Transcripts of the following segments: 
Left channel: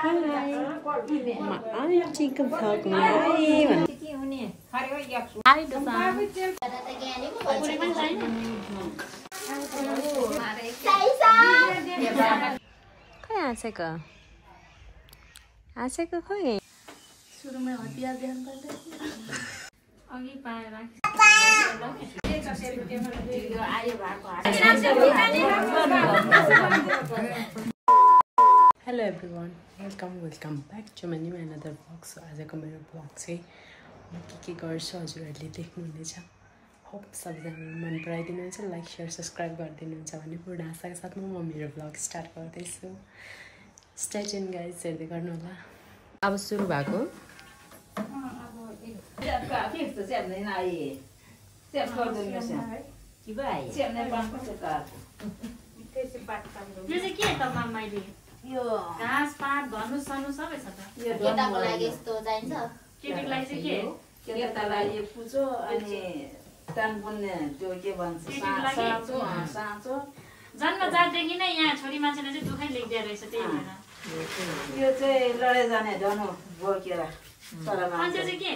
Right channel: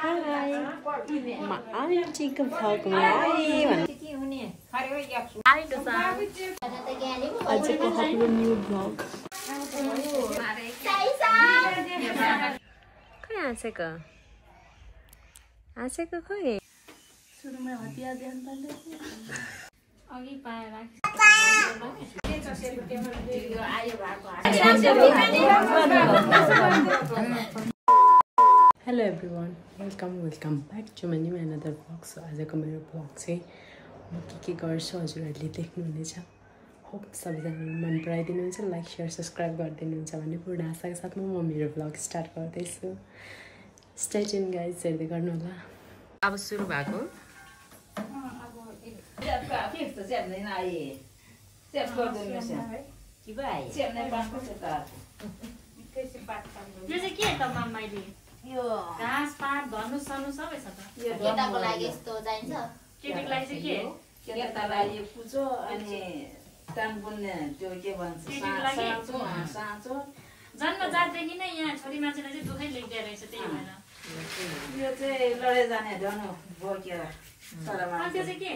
Hi. Ma auntie-को vlogमा आएँ भन्नु। Hi Dosa. आजको हाम्रो न्यू vlog. कहाँ आँसेको? आँसेको खोइ? सुरुमा हतिया ध्यान पर्दैन। अघि पाएर Hello everyone, welcome back to my new another vlog. So आजको मेरो vlog चाहिँ म के गर्छु हजुरहरूले देख्नुहुनेछ. होप सबैजनाले मन पराइदिनुहुन्छ, लाइक शेयर सब्स्क्राइब गरिदिनुहुन्छ भन्ने पूर्ण आशाका साथ म मेरो vlog स्टार्ट गर्दैछु. स्टे ट्युन गाइस, हेर्दै गर्नु होला. अब सुरु भएको यो घाँस पात धनु सनु सबै छ त. यो केटाको लागि यस्तो चाहिन्छ. केटीको लागि चाहिँ के? केटालाई यो पुचो अनि तान बुन्ने त्यो के भन्छ साँचो. जन्मजातदेखि नै यहाँ छोरी मान्छेले चाहिँ दुखै लेख्दै रहेछ त्यही भएर. यो चाहिँ लडे जाने धनु बोकेर. अनि त्यो चाहिँ के?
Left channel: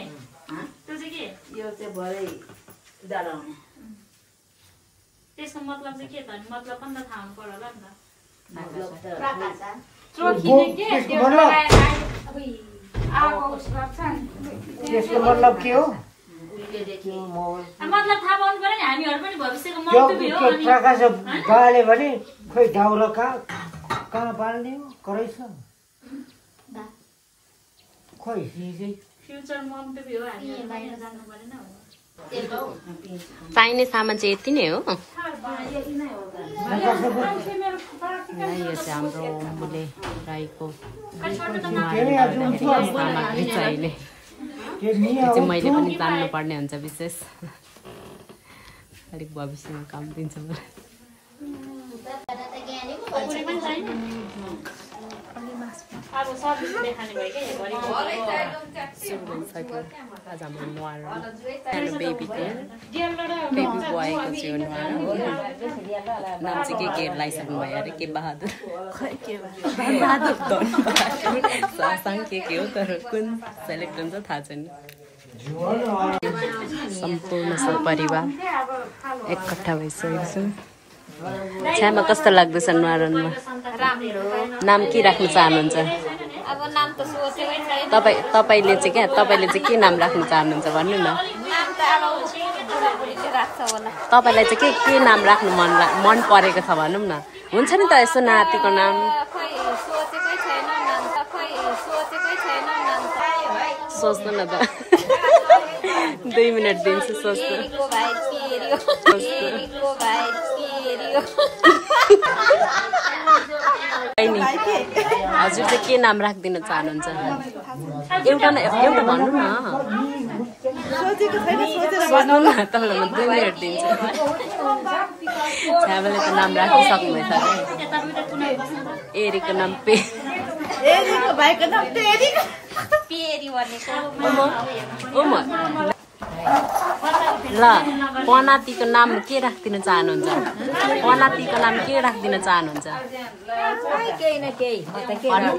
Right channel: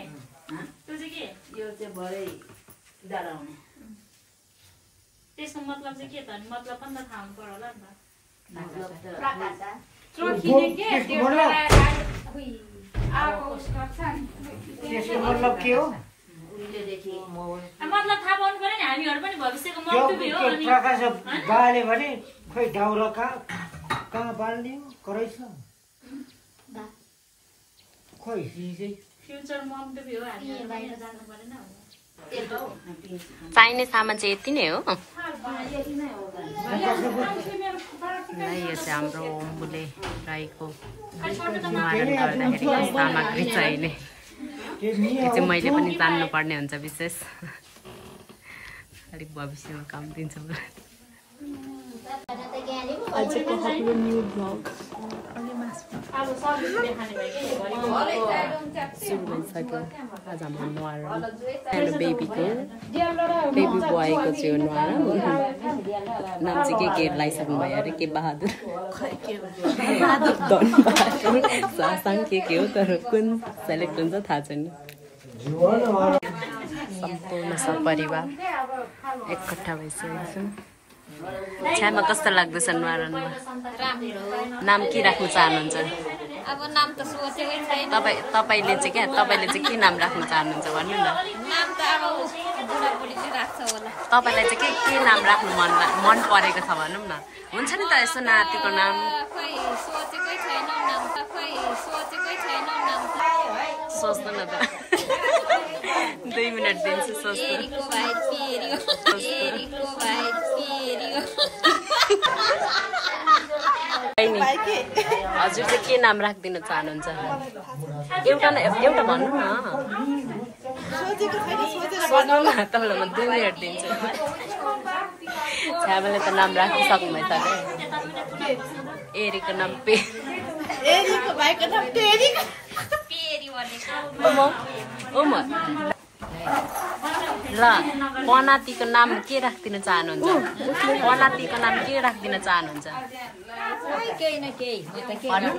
त्यो चाहिँ के? यो चाहिँ भरे डराउने. त्यसको मतलब चाहिँ के त? मतलब पनि त थाहा हुनु पर्यो होला नि त. त्यसको मतलब के हो? मतलब थाहा पाउनु पर्यो नि. हामीहरू पनि भविष्यको मन्तव्य हो. अनि प्रकाश गाले भने खोइ डाउला कहाँ बाल्ने हो? करै छ खोइ फ्युचर मन्तव्य हो. हामीहरू बाहिर जानु परेन. चाहिने सामान चाहिँ यति नै हो. यो चाहिँ हाम्रो अम्बुले राईको सामग्री चाहिने. यो चाहिँ मैले पनि जान्नुपर्ने हुन्छ विशेष. अलिक भविष्यमा काम दिन्छ मलाई. आजको हाम्रो न्यू भ्लग सुरु भइसक्यो. आज हाम्रो नुहार सानो बेबी बोयको चाहिँ नुहार. नाम चाहिँ के लगाइसक्नु भयो अरे? के बहादुर सासाङ के हो तर कुन सेलेक्ट हुन्छ थाहा छैन. सम्पूर्ण सपरिवार एकट्ठा भइसकेको छ. छ्यामा कस्तो लाग्दैछ नुहारमा? नाम के राख्नु चाहनुहुन्छ? अब नाम त सोचेकै छैन. तपाईँले चाहिँ के नाम राख्नु चाहनुहुन्छ भन्नु न. नाम त अब बुढाबुढीले राख्छ होला. तपाईँलाई चाहिँ के नाम राख्नु मन परेको छ भनौँ न. हुन्छ नि त यसो नातिको नाम. खोइ सोचेकै छैन नाम त. सोच्नु न त. 2 मिनट दिन्छु सोच्नु. हजुर चाहिँ के नाम राखिदिन चाहनुहुन्छ? एउटा भन्नु न. सोच्नु न. तपाईँलाई म 2 मिनट दिन्छु. छ्यामाले त नाम राखिसक्नु भइसक्यो. एरीको नाम एरीको भाइको नाम पेरी भनेको. ल पनातीको नाम के राखिदिन चाहनुहुन्छ? पनातीको नाम के राखिदिन चाहनुहुन्छ भन्नु न.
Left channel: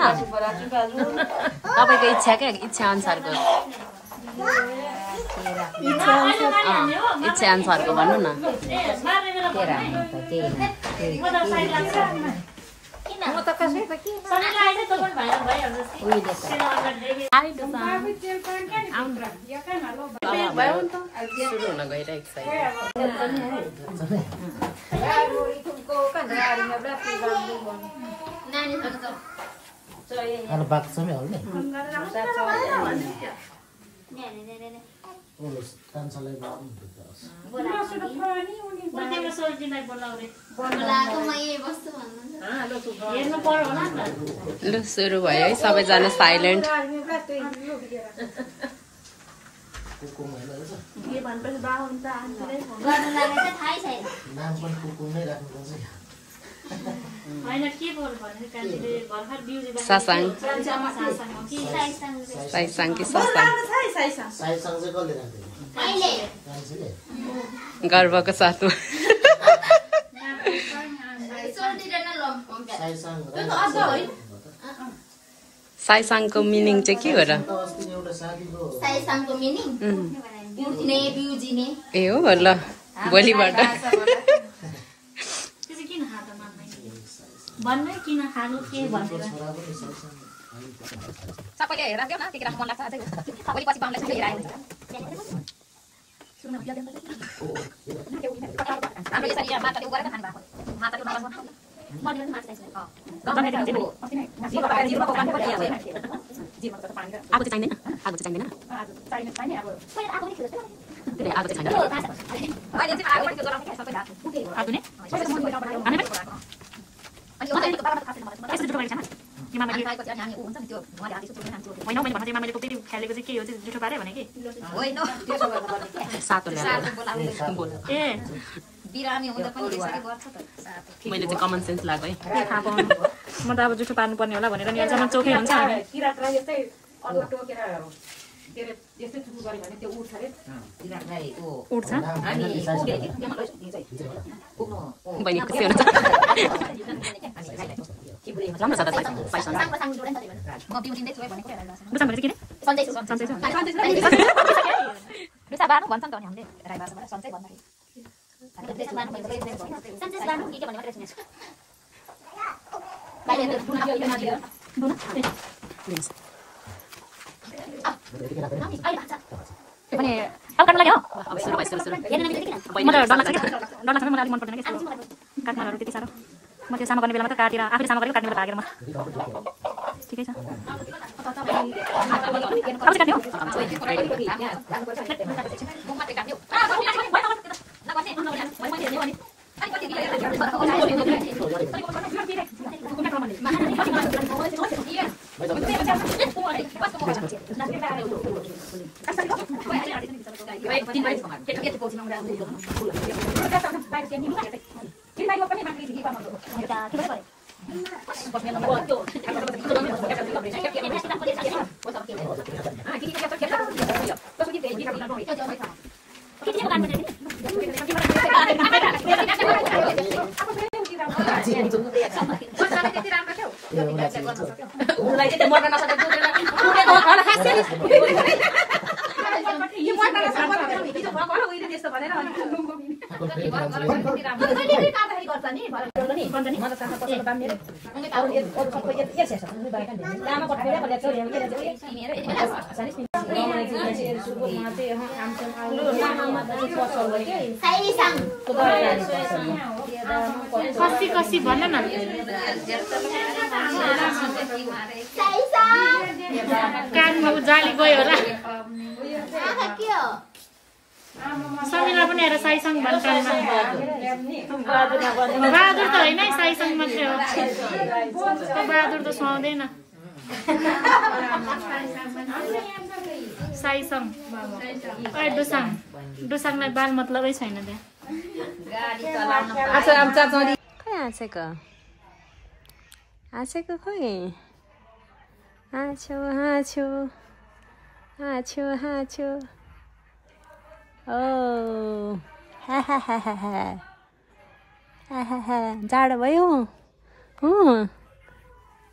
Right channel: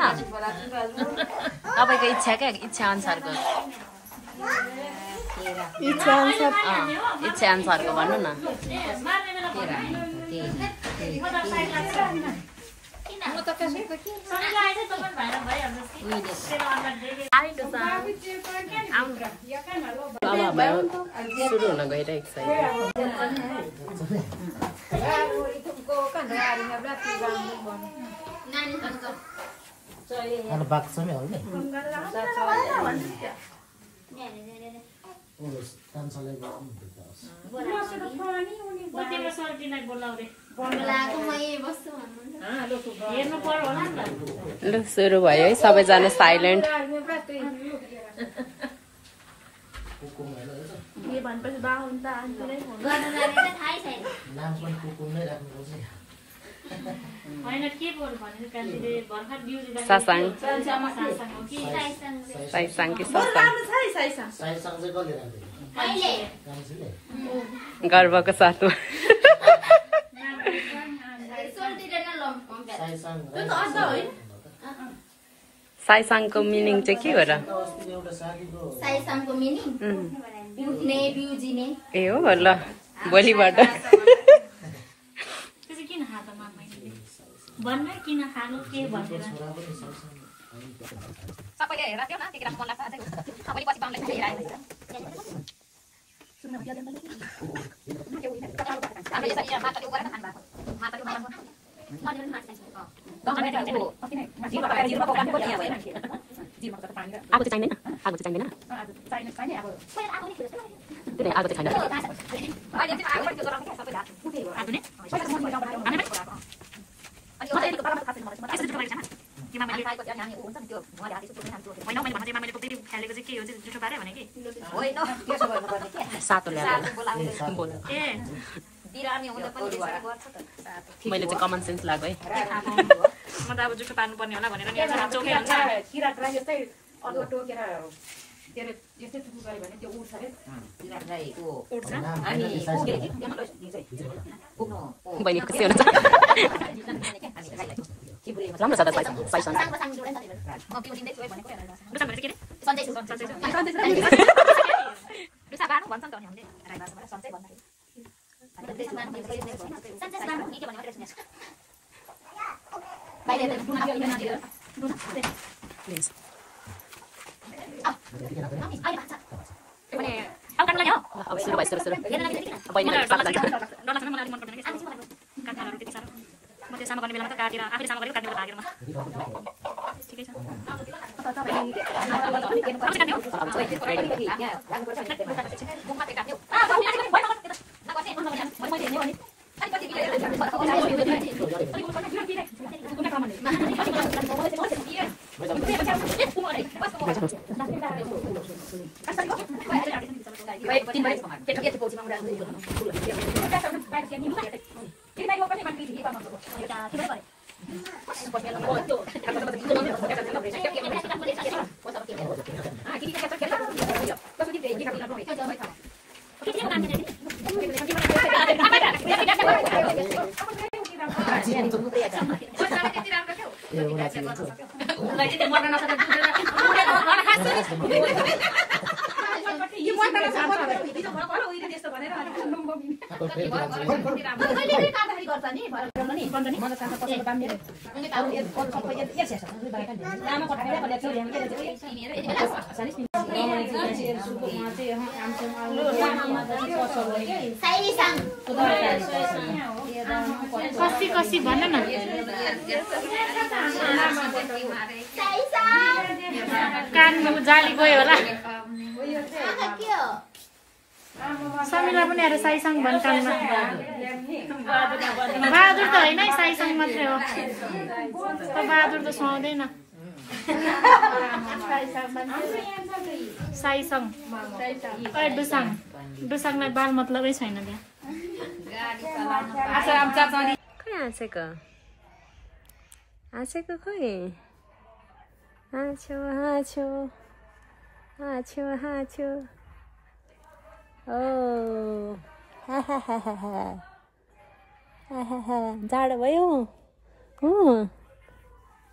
तपाईँको इच्छा क्या? इच्छा अनुसारको इच्छा अनुसारको भन्नु न. सुरु हुन गइरहेको छ. ल सुरु भयो है. सबैजना साइलेन्ट. सासाङ साइसाङ कि सासाङ गर्वको साथमा साइसाङको मिनिङ चाहिँ के हो र? साइसाङको मिनिङ उठ्ने बिउजिने। ए हो ल भोलिबाट भन्नै किन खानु के भनेर सबैले हेरेर देऊ न के राख्नु मन लाग्छ अझै सबैले पछि पाउनलाई चाहिँ हेरायो हामीले यसरी यहाँ माताले उगरेर खानु भएको माताले आगो चाहिँ चाहिँदैन आगो चाहिँ चाहिँदैन आगो चाहिँ छैन अहिले चाहिँ आगो पनि त्यो जलाउने सबै आगो नै मैले चाहिँ कमन सेन्स लाग्यो है म त अब जुठो पार्नु पर्ने होला भनेर नि अझै चोखै हुन्छ उठ्छ बहिनी खुसी हुनुहुन्छ राम्रो छ त साइसाङ अब सुरु भयो सुरु म त्यो सामा गर्ने बेलामा त काटेर आफैले सामा गरेको काट्नु लागेर म ठिकै छ कसी कसी भन न कान जाली गयो होला समिला पनि हेर साइसाङ भन्छ बहादुर त होइन साइसाङ मात्रै हो बहादुर त सुहाउँदैन साइसाङ डुसाङ डुसाङलाई बाल मतलबै छैन त्यहाँ आँसेको खोइ हाँछु हाँछु हाँछु हाँछु ओ जाडो भयो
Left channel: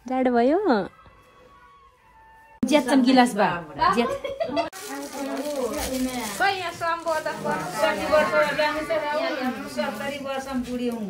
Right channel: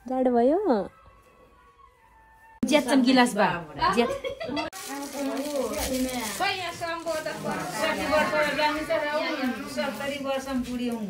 जाडो भयो ज्याद चम गिलास बा ज्याद सरकारी वर्षम बुढी हुँ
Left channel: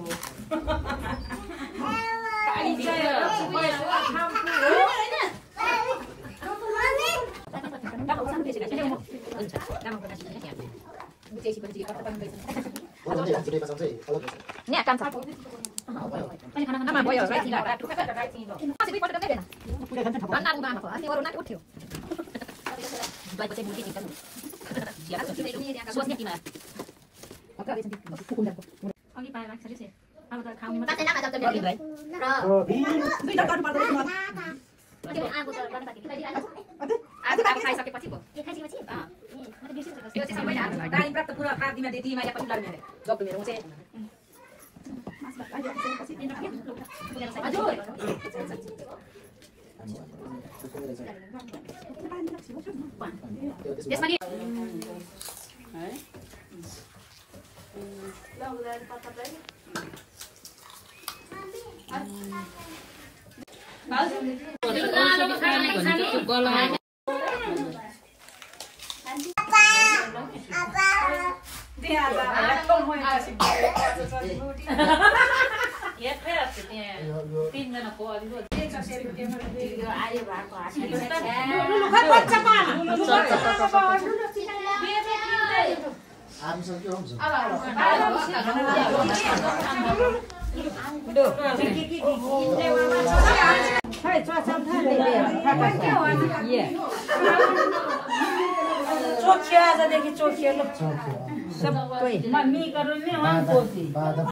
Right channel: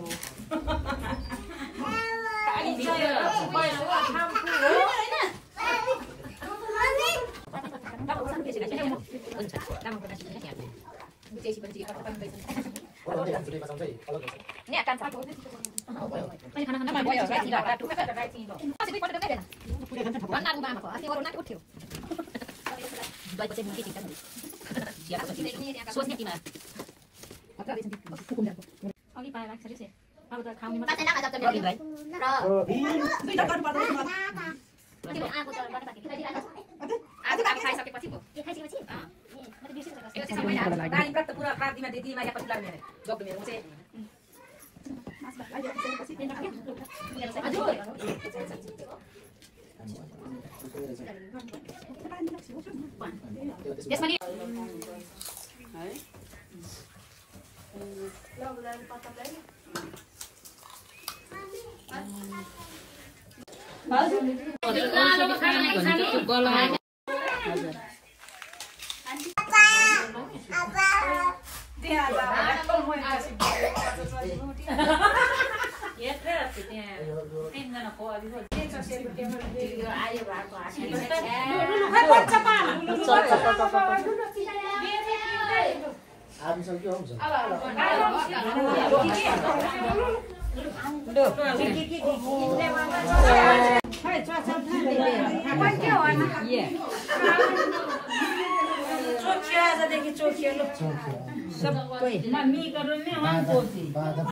भनेको त्यो गला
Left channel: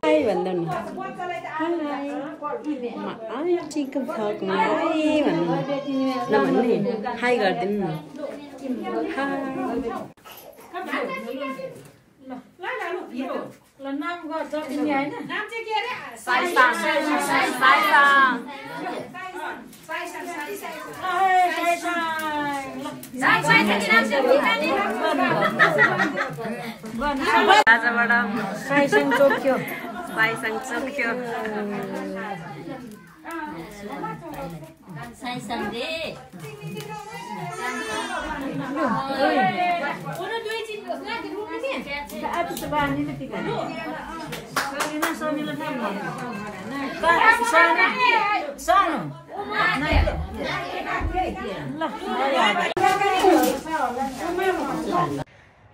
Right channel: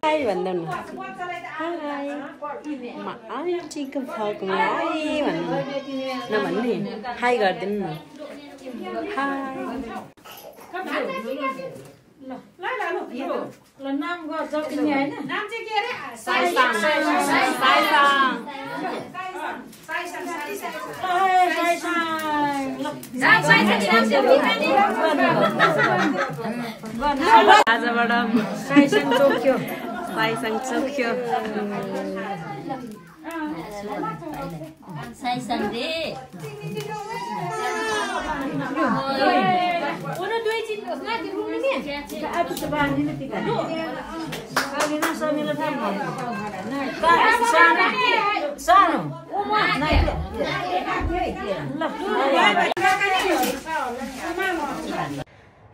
हाई भन्दा न हाई आन्टीको भ्लगमा हाई भन्नु न नभन्ने हाई गरिदिनु न हाई आजबाट साइसँग चोख्यो साइसँग रे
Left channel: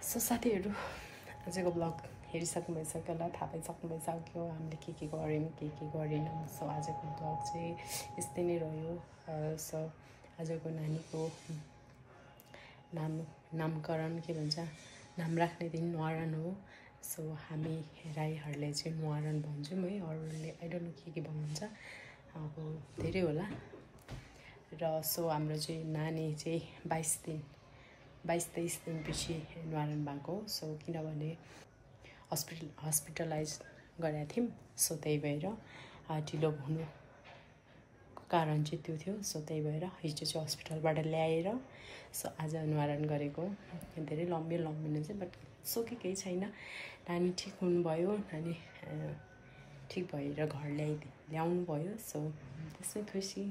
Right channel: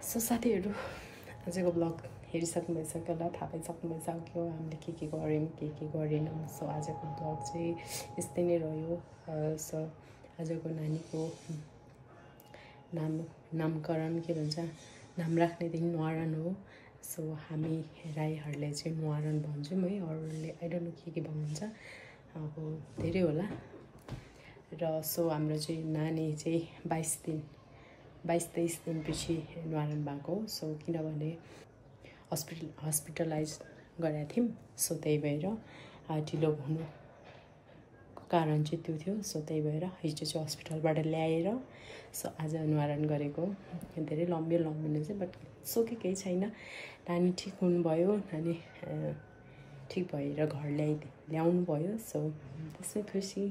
सो साथीहरू आजको ब्लग हेरिसक्नु भइसक्यो होला थाहा पाइसक्नु भइसक्यो हामीले के गऱ्यौँ के गरेनौँ सो आजको ब्लग चाहिँ यस्तै नै रह्यो सो आजको नानीको नामकरण के भन्छ नाम राख्ने दिन न्वारन हो सो हामी राईहरूले चाहिँ न्वारन भन्छौँ है अरूले आई डोन्ट नो के भन्नुहुन्छ अब धेरै होला र सो हाम्रो चाहिँ नानी चाहिँ 22-23 दिनपछि न्वारन भएको सो किनभने हस्पिटलाइज गरेका थियौँ सो त्यही भएर ढिलो हुनुको कारण चाहिँ त्यो थियो सो त्यही भएर हिजो चाहिँ हस्पिटलबाट ल्याएर सो आज न्वारन गरेको धेरै लम्बी चाहिँ बट सो केही छैन नानी ठिक हुनुभयो नानी ठिक भएर घर ल्याउनु भयो सो त्यसमै खुसी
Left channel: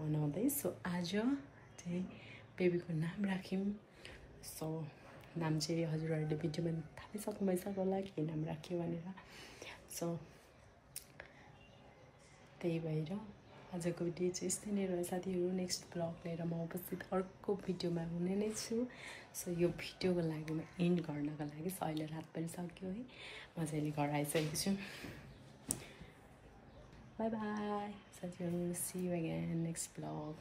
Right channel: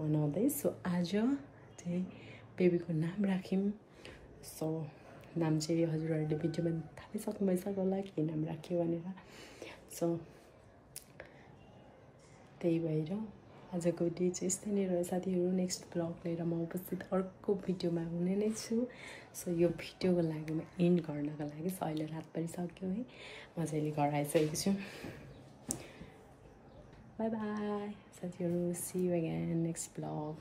मनाउँदै सो आज चाहिँ बेबीको नाम राख्यौँ सो नाम चाहिँ हजुरहरूले भिडियोमा थाहा पाइसक्नु भइसक्यो होला के नाम राख्यो भनेर सो त्यही भएर आजको भिडियो चाहिँ यस्तै नै रह्यो साथीहरू नेक्स्ट ब्लग लिएर म उपस्थित अर्को भिडियोमा हुने नै छु सो यो भिडियोको लागि म एन्ड गर्नको लागि अहिले रात पनि सक्यो है म चाहिँ अहिले घर आइसकेको छु बाई बाई साथीहरू see you again next blog